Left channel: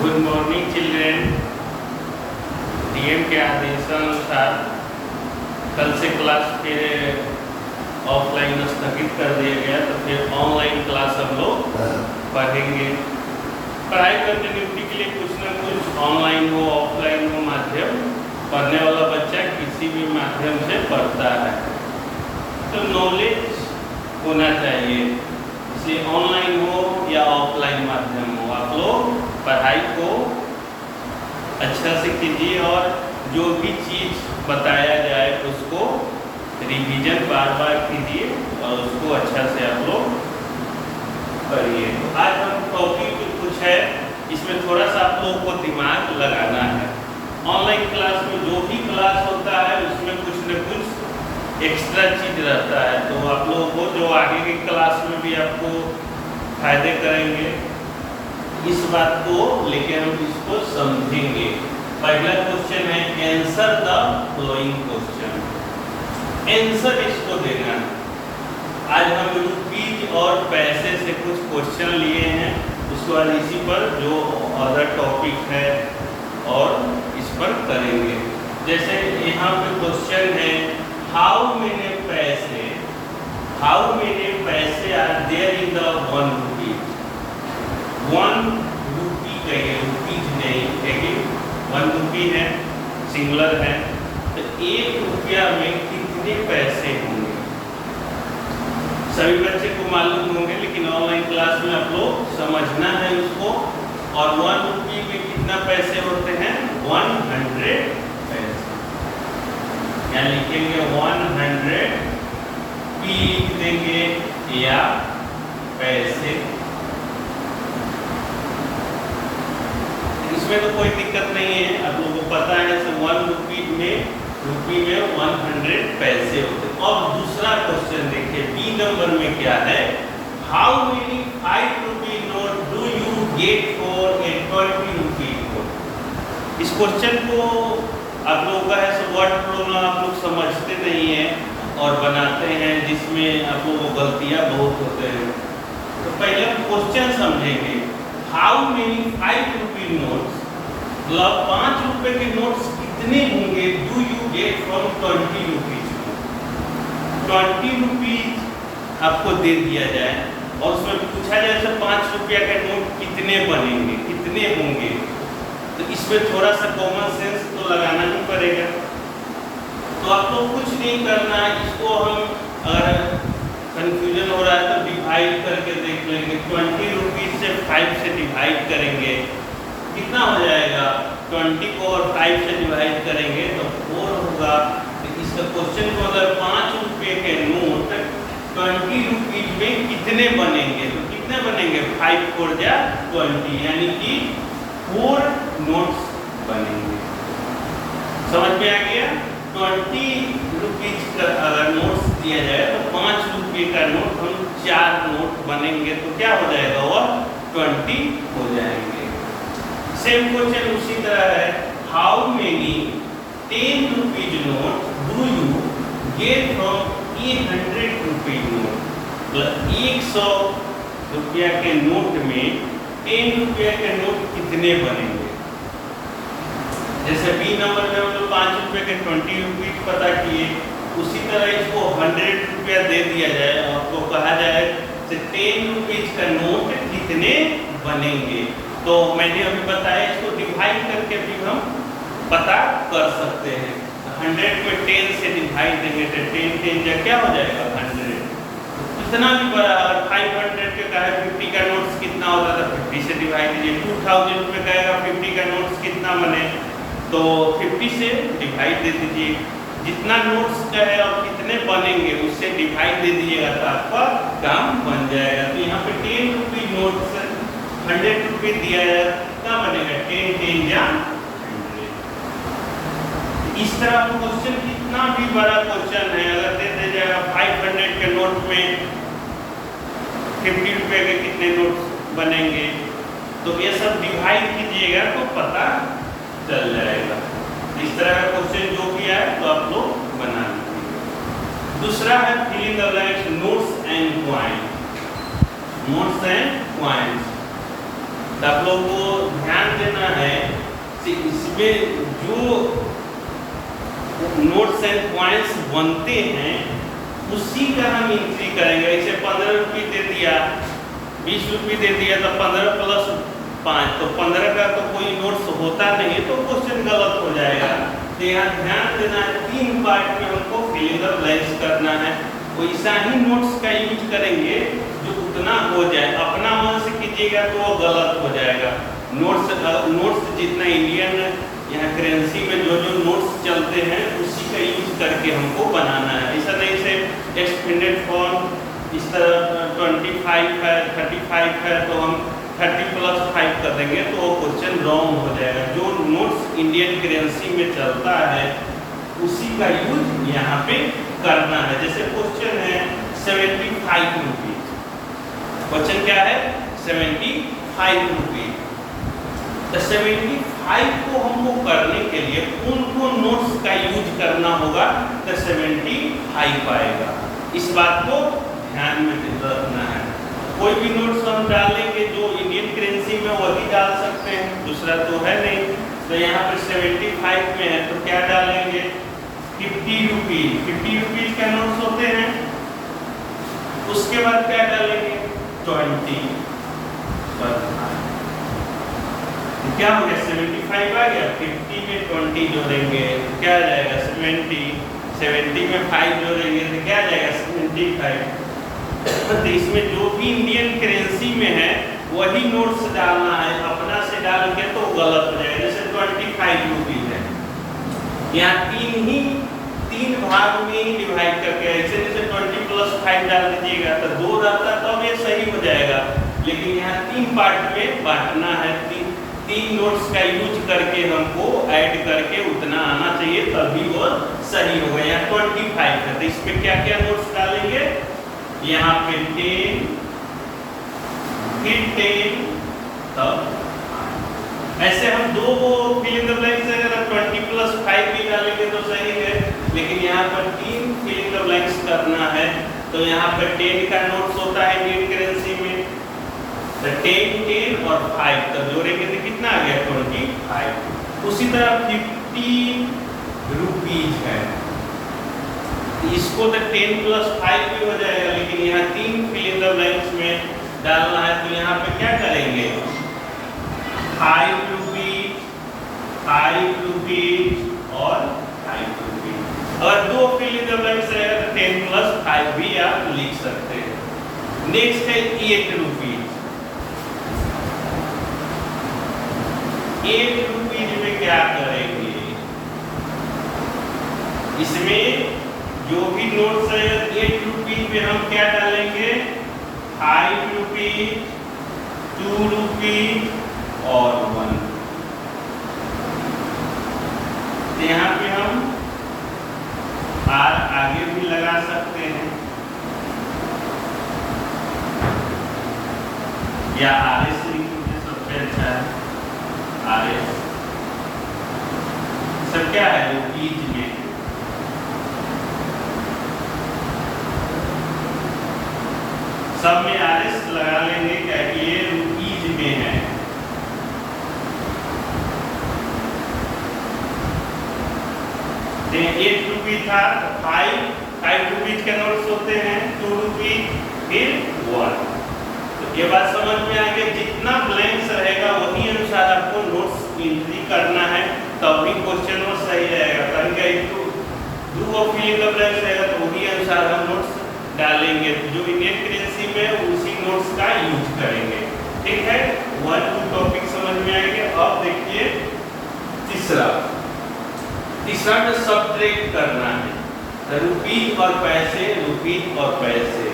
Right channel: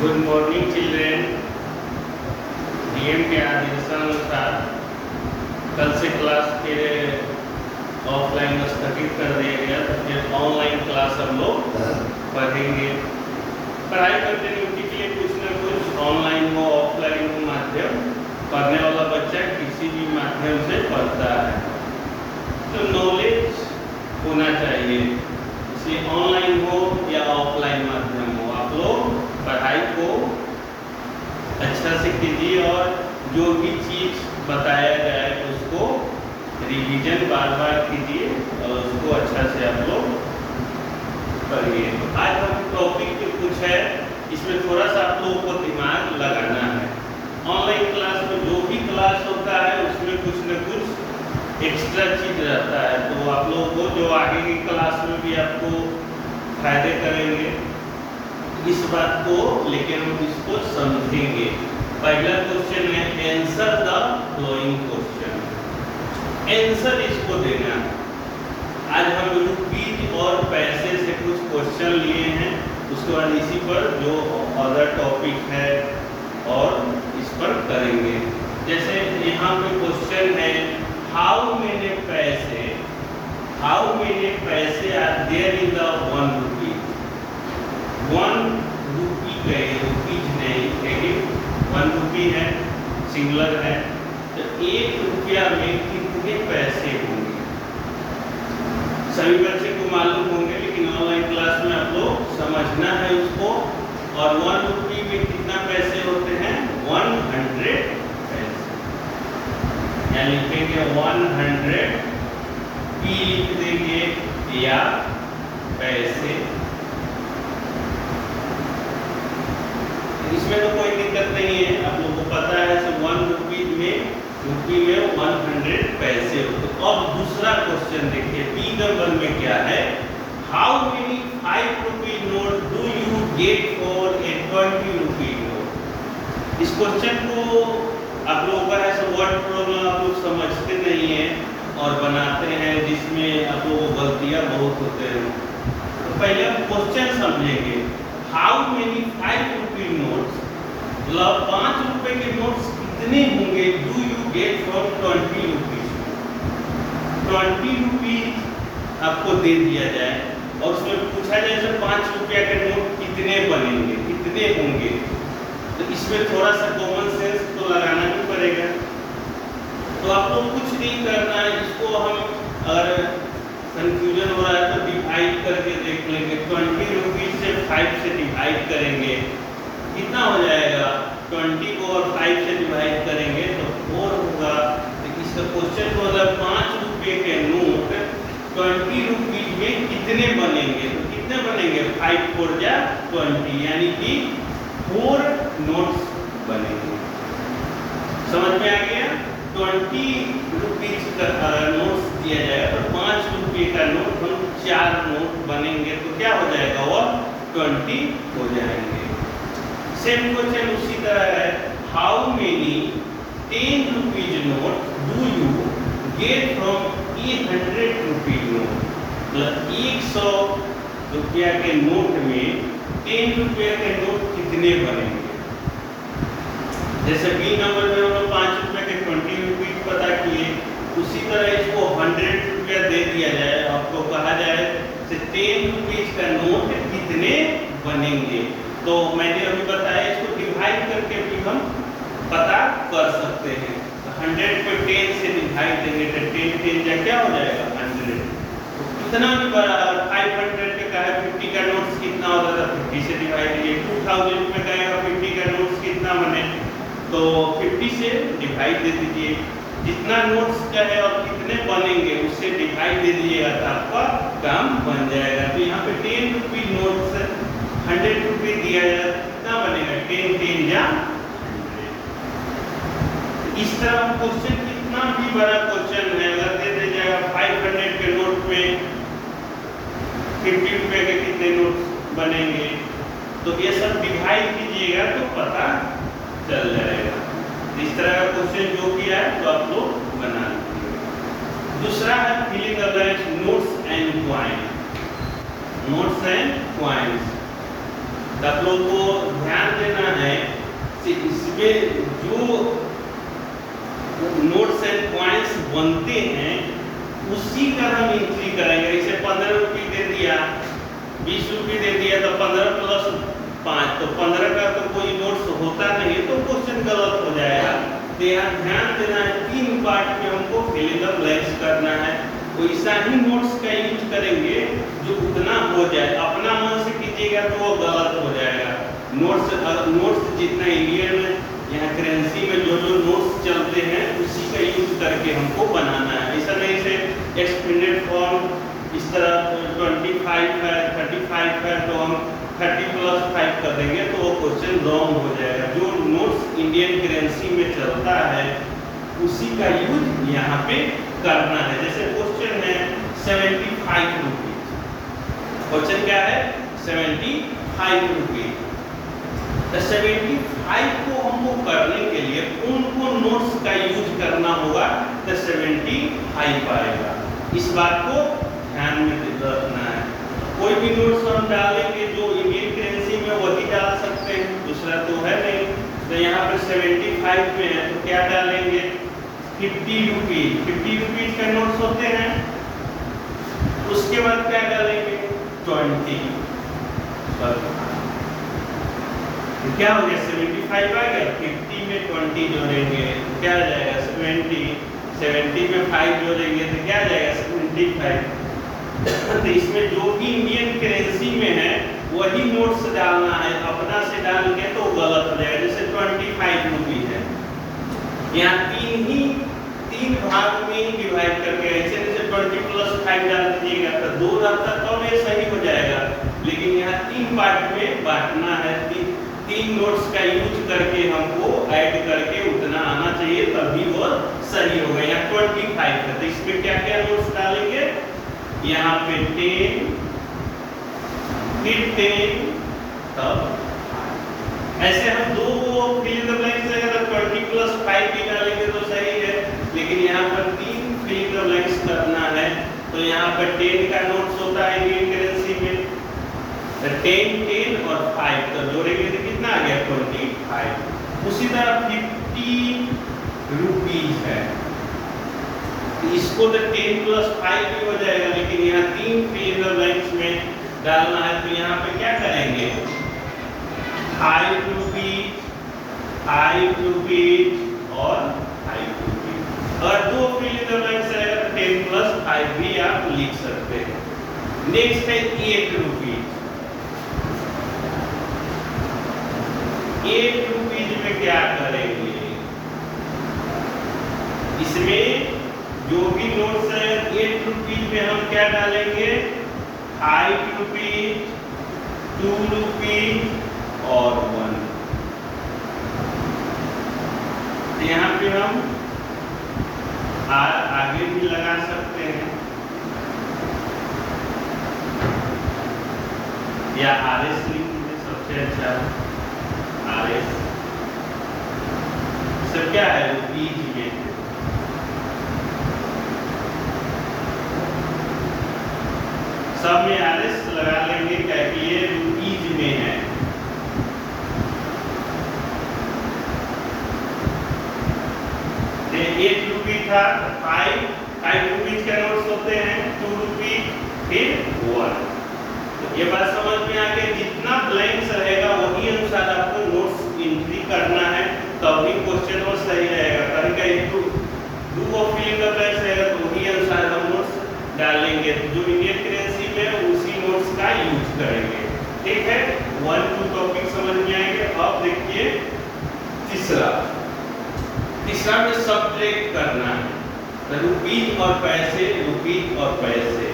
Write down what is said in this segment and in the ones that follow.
Good morning children. DM के आदेशानुसार कल से क्लास फिर ऑफलाइन स्थगित कर दिया गया, तो फिर ऑनलाइन क्लास हम लोग पढ़ेंगे। पढ़ाई कंटिन्यूटी के लिए कुछ ना कुछ ऑनलाइन हो ऑफलाइन हो माध्यम, पढ़ने वाला बच्चा किसी भी माध्यम से पढ़ता है, तो नॉलेज होना चाहिए। इसलिए ऑनलाइन हो या ऑफलाइन माध्यम हो, आप लोग पढ़ाई को अच्छा से कीजिए और जो भी चीज़ बताया जाए उसको रिवीजन बार बार कीजिए और उसको अच्छा से आप लोग पढ़िए। आज हम टॉपिक कुछ है, इसमें थोड़ा सा आप लोगों को दिमाग लगाना है। ऑनलाइन क्लास में जो भी क्लास होता है उसमें कुछ न कुछ एक्स्ट्रा चीज़ रहता है, तो आप लोगों को जो आगे की क्लास में भी आपको फायदे करेंगे, इस बात को लेके हम इसको समझेंगे। पहला क्वेश्चन है answer the flowing question. Answer इसको देना। आज हम रुपीज और पैसे से कुछ क्वेश्चन लिए हैं, उसके बाद इसी पर जो अदर टॉपिक है और इस पर करेंगे। जैसे यहाँ पे क्वेश्चन है हाउ मेनी पैसे आर देयर इन द 1 रुपी। 1 रुपी कहे, रुपीज नहीं है, 1 रुपी है, सिंगुलर है, तो 1 रुपया में कितने पैसे होंगे? सभी बच्चे को मालूम होंगे, लेकिन ऑनलाइन क्लास में आप लोग समझना है उसको। और 1 रुपी में कितना पैसे होते हैं? 100 पैसे। या लिखेंगे 100 पी लिख देंगे या पैसे। इसमें तो कोई दिक्कत नहीं है, आप लोगों को पता है कि 1 रुपी में 100 पैसे होते। अब दूसरा क्वेश्चन देखिए, बी नंबर में क्या है? How many 5 rupee note do you get for a 20 rupee note? इस क्वेश्चन को आप लोगों का है वर्ड प्रॉब्लम आप लोग समझते नहीं है और बनाते हैं, जिसमें आप लोगों को गलतियां बहुत होते हैं। तो पहले क्वेश्चन समझेंगे। हाउ मेनी 5 रुपी नोट्स, मतलब 5 रुपए के नोट्स कितने होंगे? Do you get from 20 rupees. 20 rupees आपको दे दिया जाए और उसमें पूछा जाए जैसे 5 रुपया के नोट कितने बनेंगे, कितने होंगे, तो इसमें थोड़ा सा कॉमन सेंस तो लगाना ही पड़ेगा। तो आप लोग कुछ नहीं करना है, इसको हम अगर कंफ्यूजन हो रहा है तो डिवाइड करके देख लेंगे। 20 रुपीज से 5 से डिवाइड करेंगे, कितना हो जाएगा? 20 को और 5 से डिवाइड करेंगे तो 4 होगा। तो इसका क्वेश्चन को अगर 5 रुपये के नोट 20 रुपीज में कितने बनेंगे, तो कितने बनेंगे? 5 4 जा 20, यानी कि 4 नोट्स बनेंगे। समझ में आ गया? 20 रुपीज का अगर नोट्स दिया जाए तो 5 रुपये का नोट हम 4 नोट बनेंगे, तो क्या हो जाएगा? वह 20 हो जाएंगे। सेम क्वेश्चन उसी तरह है, how many 10 rupees note do you get from 100 rupee note? मतलब 100 रुपया के नोट में 10 रुपया के नोट कितने बनेंगे? जैसे बी नंबर में हम लोग 5 रुपये के 20 रुपीज पता किए, उसी तरह इसको 100 रुपया दे दिया जाए, आपको कहा जाए कि 10 रुपीज का नोट कितने बनेंगे, तो मैंने अभी बताया इसको डिवाइड करके भी हम पता कर सकते हैं। 100 पे 10 से डिवाइड देंगे तो 10 10 जा क्या हो जाएगा? 100। तो इतना भी बड़ा, अगर 500 के का है 50 का नोट्स कितना होता था? 50 से डिवाइड कीजिए। 2000 रुपये का है 50 का नोट्स कितना बने? तो 50 से डिवाइड दे दीजिए। जितना नोट्स का है और कितने बनेंगे उससे डिवाइड दे दीजिएगा तो आपका काम बन जाएगा। तो यहाँ पे 10 रुपी नोट से 100 रुपये दिया जाए, कितना बनेगा? 10 10 या 100। इस तरह क्वेश्चन कितना भी बड़ा क्वेश्चन है, अगर दे दिया जाएगा 500 के नोट में 50 रुपये के कितने नोट्स बनेंगे, तो ये सब डिवाइड कीजिएगा तो पता चल जाएगा। इस तरह का क्वेश्चन जो भी है तो आप लोग बना लीजिए। दूसरा है filling the blanks, notes and coin. Notes and coins. तो आप लोगों को ध्यान देना है कि इसमें जो नोट्स एंड पॉइंट्स बनते हैं उसी का हम एंट्री करेंगे। इसे 15 रुपये दे दिया, 20 रुपये दे दिया, तो 15 प्लस 5, तो 15 का तो कोई नोट्स होता नहीं है, तो क्वेश्चन गलत हो जाएगा। तो यहाँ ध्यान देना है, 3 पार्ट में हमको फिल इन द ब्लैंक्स करना है। वैसा ही नोट्स का यूज करेंगे जो उतना हो जाए, अपना मन से कीजिएगा तो वो गलत हो जाएगा। नोट्स जितना इंडियन यहाँ करेंसी में जो जो नोट्स चलते हैं उसी का यूज करके हमको बनाना है। ऐसा नहीं से एक्सपेंडेड फॉर्म इस तरह 25 है, 35 है, तो हम 30 प्लस 5 कर देंगे तो वो क्वेश्चन रॉन्ग हो जाएगा। जो नोट्स इंडियन करेंसी में चलता है उसी का यूज यहाँ पे करना है। जैसे क्वेश्चन है 75 रुपीज, क्वेश्चन क्या है 75 रुपीज। तो 75 को हमको करने के लिए कौन कौन नोट्स का यूज करना होगा तो 75 आएगा। इस बात को ध्यान में रखना है। कोई भी नोट्स हम डालेंगे जो इंडियन करेंसी में वही डाल सकते हैं, दूसरा तो है नहीं। तो यहाँ पर 75 में है तो क्या डालेंगे 50 रुपीज। 50 रुपीज का नोट्स होते हैं। उसके बाद क्या डालेंगे 20। क्या हो गया 75 आ गया, 50 में 20 जोड़ेंगे क्या आ जाएगा 70, 70 में 5 जोड़ेंगे तो क्या आ जाएगा 75। तो इसमें जो भी इंडियन करेंसी में है वही नोट्स डालना है, अपना से डाल के तो गलत हो जाएगा। जैसे 25 रुपीज है, यहाँ 3 भाग में ही डिवाइड करके ऐसे जैसे 20 प्लस 5 डाल दीजिएगा तो 2 रहता तब ये सही हो जाएगा। लेकिन यहाँ 3 पार्ट में बांटना है, 3 नोट्स का यूज करके हमको ऐड करके उतना आना चाहिए तभी वो सही होगा। यहाँ 25 है तो इसमें क्या क्या नोट्स डालेंगे, यहाँ पे 10, फिर 10, तब ऐसे हम दो फिल इन द ब्लैंक्स है। अगर 20 प्लस 5 भी डालेंगे तो सही है, लेकिन यहाँ पर 3 फिल इन द ब्लैंक्स करना है। तो यहाँ पर 10 का नोट्स होता है इंडियन करेंसी में, तो 10, 10 और 5 तो जोड़ेंगे तो कितना आ गया 25। उसी तरह 50 रुपीज है, इसको तो 10 प्लस 5 भी हो जाएगा, लेकिन यहाँ 3 फिल इन द ब्लैंक्स में डालना है। तो यहाँ पे क्या करेंगे 5 रुपीज, 5 रुपीज और 5 रुपीज। अगर 2 फिल इन द ब्लैंक्स है 10 प्लस 5 भी आप लिख सकते हैं। नेक्स्ट है 8 रुपीज। 8 रुपीज में क्या करेंगे, इसमें जो भी नोट्स है 8 रुपीज में हम क्या डालेंगे 5 रुपीज, 2 रुपीज और 1। यहाँ पे हम आगे भी लगा सकते हैं या RS लिख दीजिए, सबसे अच्छा है RS। सब क्या है रुपीज में, सब में RS लगा लेंगे क्या कि ये रुपीज में है। एक रुपी था 5 रुपीज के नोट्स होते हैं, 2 रुपीज फिर 1। तो ये बात समझ में आ गया, जितना ब्लैंक्स रहेगा वही अनुसार आपको नोट्स एंट्री करना है, तभी क्वेश्चन वो सही रहेगा। कहीं कहीं तो 2 फिल इन द ब्लैंक्स रहेगा तो वही अनुसार हम नोट्स डालेंगे, जो इंडियन करेंसी में उसी नोट्स का यूज करेंगे। ठीक है, 1 2 टॉपिक समझ में आएंगे। अब देखिए तीसरा में सब्ट्रैक्ट करना है, तो रुपीज और पैसे, रुपीज और पैसे।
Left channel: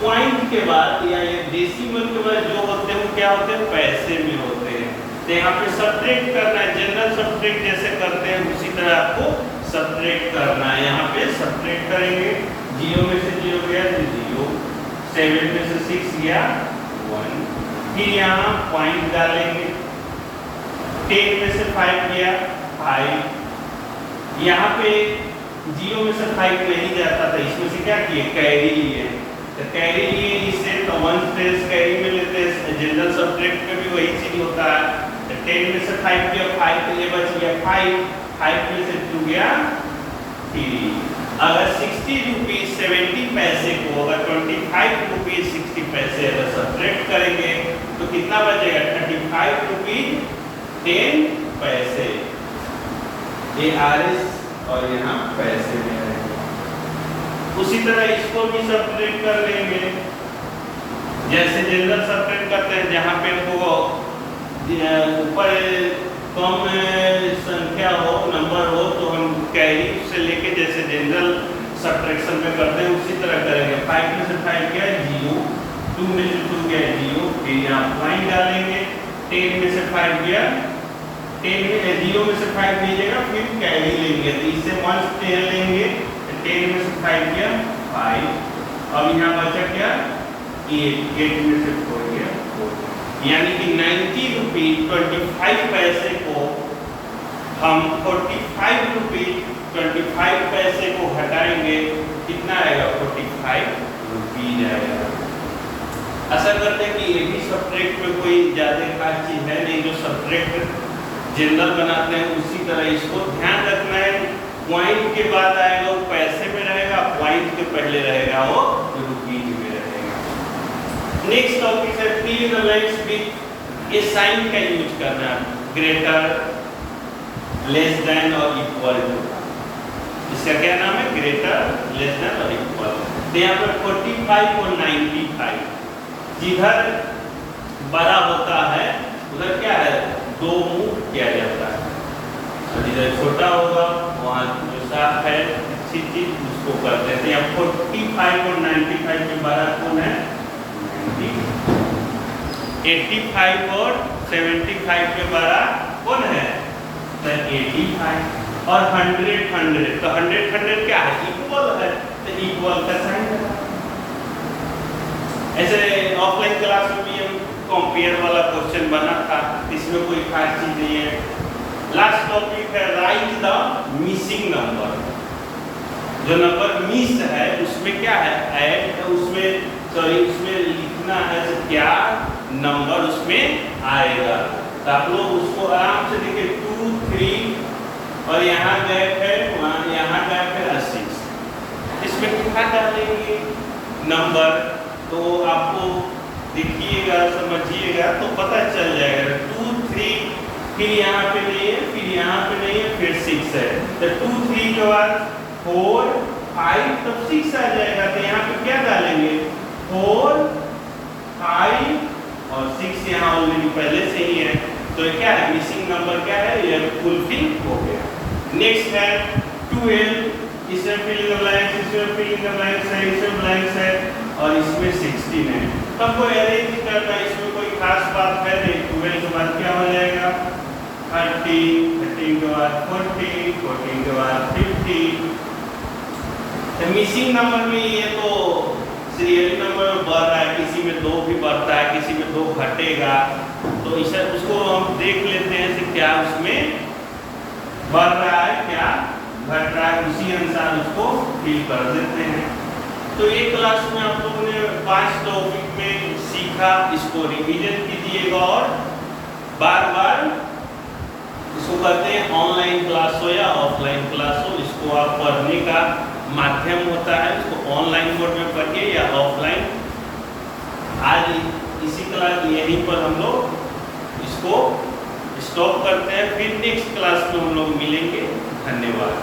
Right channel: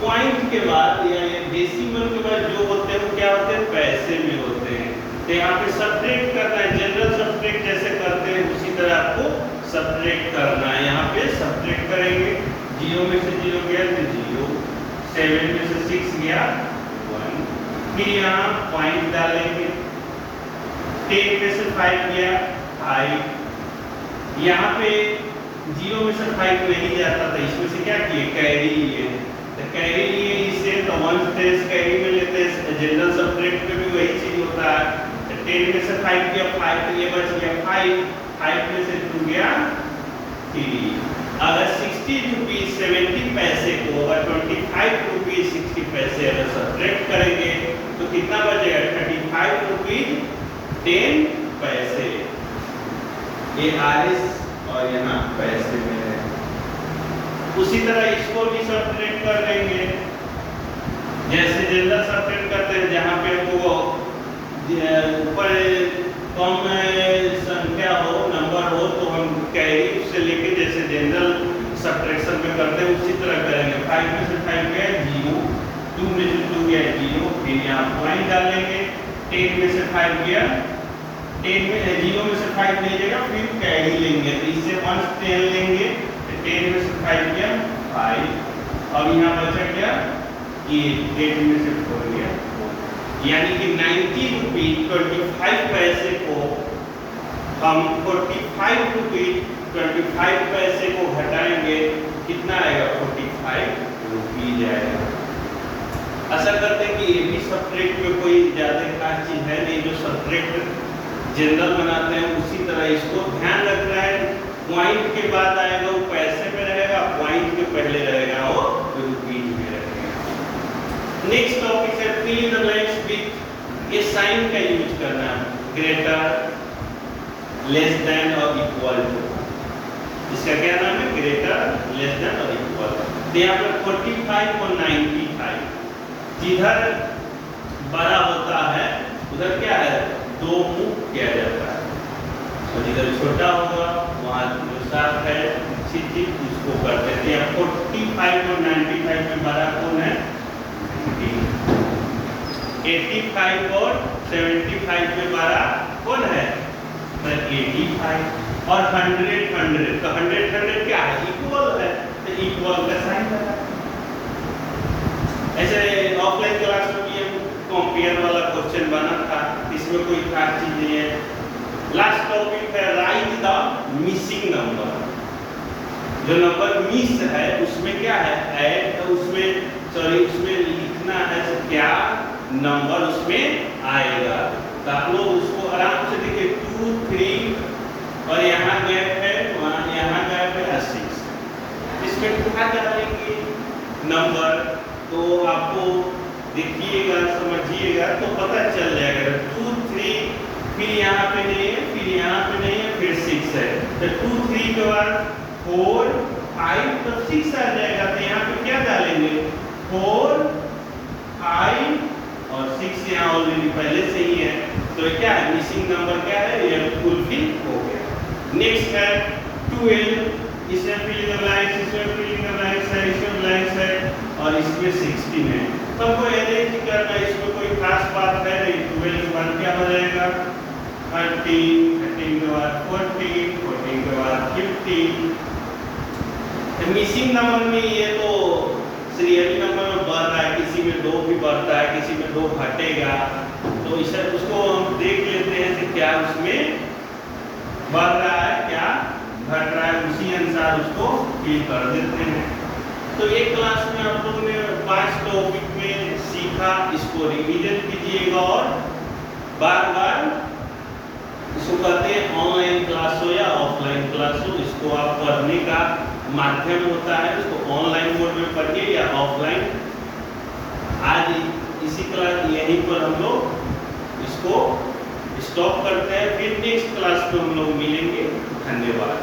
पॉइंट के बाद या डेसिमल के बाद जो होते हैं क्या होते हैं पैसे में होते हैं। तो यहाँ पे सब्ट्रैक्ट करना है, जनरल सब्ट्रैक्ट जैसे करते हैं उसी तरह आपको सब्ट्रैक्ट करना है। यहाँ पे सब्ट्रैक्ट करेंगे, 0 में से 0 गया तो 0, 7 में से 6 गया 1, फिर यहाँ पॉइंट डालेंगे, 10 में से 5 गया 5। यहाँ पे 0 में से 5 नहीं जाता था, इसमें से क्या किए कैरी लिए, तो कैरी लिए इसे तो 1 टेस्ट कैरी में लेते हैं, जनरल सब्ट्रैक्ट में भी वही चीज होता है। तो 10 में से 5 गया 5, तो ये बच गया 5 में से 2 गया 3। अगर 60 रुपीज 70 पैसे को अगर 25 रुपीज 60 पैसे अगर सब्ट्रैक्ट करेंगे तो कितना बचेगा? 35 रुपीज 10 पैसे। ये आरएस और यहाँ पैसे में है। उसी तरह इसको भी सब्ट्रैक्ट कर लेंगे, जैसे जनरल सब्ट्रैक्ट करते हैं, जहाँ पे हमको ऊपर कम संख्या हो, नंबर हो, तो हम कैरी से लेके जैसे जनरल सब्ट्रैक्शन में करते हैं उसी तरह करेंगे। 5 में से 5 गया 0, 2 में से 2 गया 0, फिर यहाँ पॉइंट डालेंगे। 10 में से 5 गया 10 में 0 में से 5 नहीं जाएगा, फिर कैरी लेंगे, तो इससे 1 10 लेंगे। 10 में से 5 गया 5, अब यहाँ बचा क्या 8 में से 4 गया 4, यानी कि 90 रुपीज 25 पैसे को हम 45 रुपीज 25 पैसे को घटाएंगे, कितना आएगा? 45 रुपीज आएगा। ऐसा करते हैं कि ये भी सब्ट्रैक्ट में कोई ज़्यादा खास चीज़ है नहीं, जो सब्ट्रैक्ट जनरल बनाते हैं उसी तरह इसको ध्यान रखना है। पॉइंट के बाद आएगा वो पैसे में रहेगा, पॉइंट के पहले रहेगा वो रुपीज में रहेगा। नेक्स्ट टॉपिक है fill in the blanks with, ये साइन का यूज करना है, ग्रेटर, लेस देन और इक्वल टू। इसका क्या नाम है? ग्रेटर, लेस देन और इक्वल। तो यहाँ पे 45 और 95, जिधर बड़ा होता है उधर क्या है? 2 मूव किया जाता है, और जिधर छोटा होगा वहाँ जो साथ है चीज उसको कर देते हैं। 45 और 95 में बड़ा कौन है? 85 और 75 में बड़ा कौन है? 85 और 100 तो 100 क्या है? इक्वल है, तो इक्वल का साइन है। ऐसे ऑफलाइन क्लास में भी हम कंपेयर वाला क्वेश्चन बना था, इसमें कोई खास चीज नहीं है। लास्ट टॉपिक है राइट द मिसिंग नंबर। जो नंबर मिस है उसमें क्या है? ऐड, उसमें लिखना है तो क्या नंबर उसमें आएगा। तो आप लोग उसको आराम से देखिए 2 3 और यहाँ गैप है, वहाँ यहाँ गैप है 6, इसमें क्या डालेंगे नंबर? तो आपको देखिएगा समझिएगा तो पता चल जाएगा। 2 3 फिर यहाँ पे नहीं है, फिर यहाँ पे नहीं है, फिर 6 है, तो 2 3 के बाद 4 5 तो 6 आ जाएगा। तो यहाँ पे क्या डालेंगे? 4 5 और 6 यहाँ ऑलरेडी पहले से ही है, तो ये क्या है? मिसिंग नंबर क्या है? ये फुलफिल हो गया। नेक्स्ट है 12, इसमें फिल इन द ब्लैंक्स, इसमें फिल इन द ब्लैंक्स है, इसमें ब्लैंक्स है और इसमें 16 है। तो हमको अरेंज करना है, इसमें कोई खास बात है नहीं। 12 के बाद क्या हो जाएगा? 30, 13 के बाद 40, 14 के बाद 50। तो मिसिंग नंबर में ये तो सीरियल नंबर में बढ़ रहा है, किसी में 2 भी बढ़ता है, किसी में 2 घटेगा, तो इसे उसको हम देख लेते हैं कि क्या उसमें बढ़ रहा है क्या घट रहा है, उसी अनुसार उसको फिल कर देते हैं। तो एक क्लास में आप लोगों ने 5 टॉपिक में सीखा, इसको रिवीजन कीजिएगा और बार बार इसको कहते हैं ऑनलाइन क्लास हो या ऑफलाइन क्लास हो, इसको आप पढ़ने का माध्यम होता है, इसको ऑनलाइन मोड में पढ़िए या ऑफलाइन। आज इसी क्लास यहीं पर हम लोग इसको स्टॉप करते हैं, फिर नेक्स्ट क्लास में हम लोग मिलेंगे। धन्यवाद।